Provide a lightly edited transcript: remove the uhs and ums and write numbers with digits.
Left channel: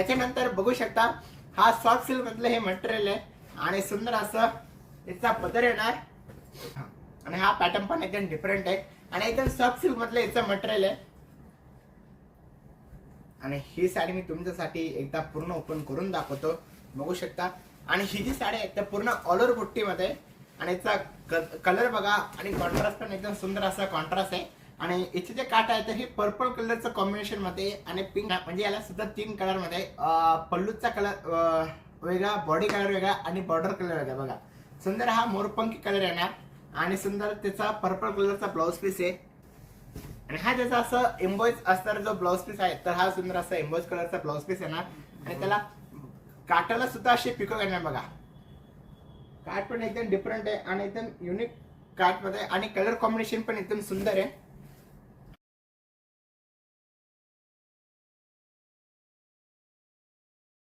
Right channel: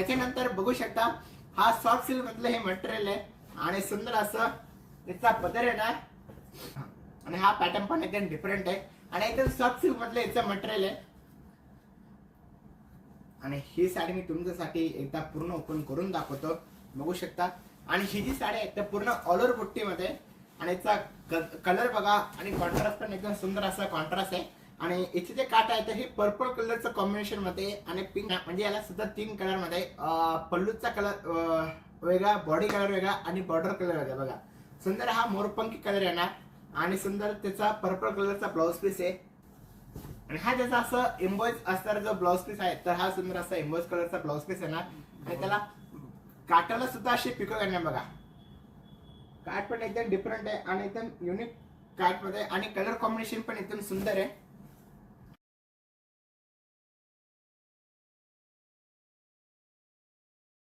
त्याच्यानंतर बघू शकता हा सॉफ्ट सिल्क मधलं हे मटेरियल आहे आणि सुंदर असं याचा पदर येणार आणि हा पॅटर्न पण एकदम डिफरंट आहे आणि एकदम सॉफ्ट सिल्क मधलं याचं मटेरियल आहे आणि ही साडी मी तुमच्यासाठी एकदा पूर्ण ओपन करून दाखवतो. बघू शकता आणि ही जी साडी आहे तर पूर्ण ऑल ओव्हर बुट्टीमध्ये आणि याचा कलर बघा आणि कॉन्ट्रास्ट पण एकदम सुंदर असा कॉन्ट्रास्ट आहे आणि याचे जे काठ आहे तर हे पर्पल कलरचं कॉम्बिनेशन मध्ये आणि पिंक म्हणजे याला सुद्धा 3 कलर मध्ये पल्लूचा कलर वेगळा, बॉडी कलर वेगळा आणि बॉर्डर कलर वेगळा. बघा सुंदर हा मोरपंखी कलर येणार आणि सुंदर त्याचा पर्पल कलरचा ब्लाउज पीस आहे आणि हा ज्याचा असं एम्बॉइज असणारा जो ब्लाउज पीस आहे तर हा सुंदर असा एम्बॉइज कलरचा ब्लाउज पीस येणार आणि त्याला काटाला सुद्धा अशी पिको येणार. बघा काट पण एकदम डिफरंट आहे आणि एकदम युनिक काट मध्ये आणि कलर कॉम्बिनेशन पण एकदम सुंदर आहे.